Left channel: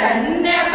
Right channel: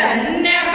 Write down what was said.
yeah, never.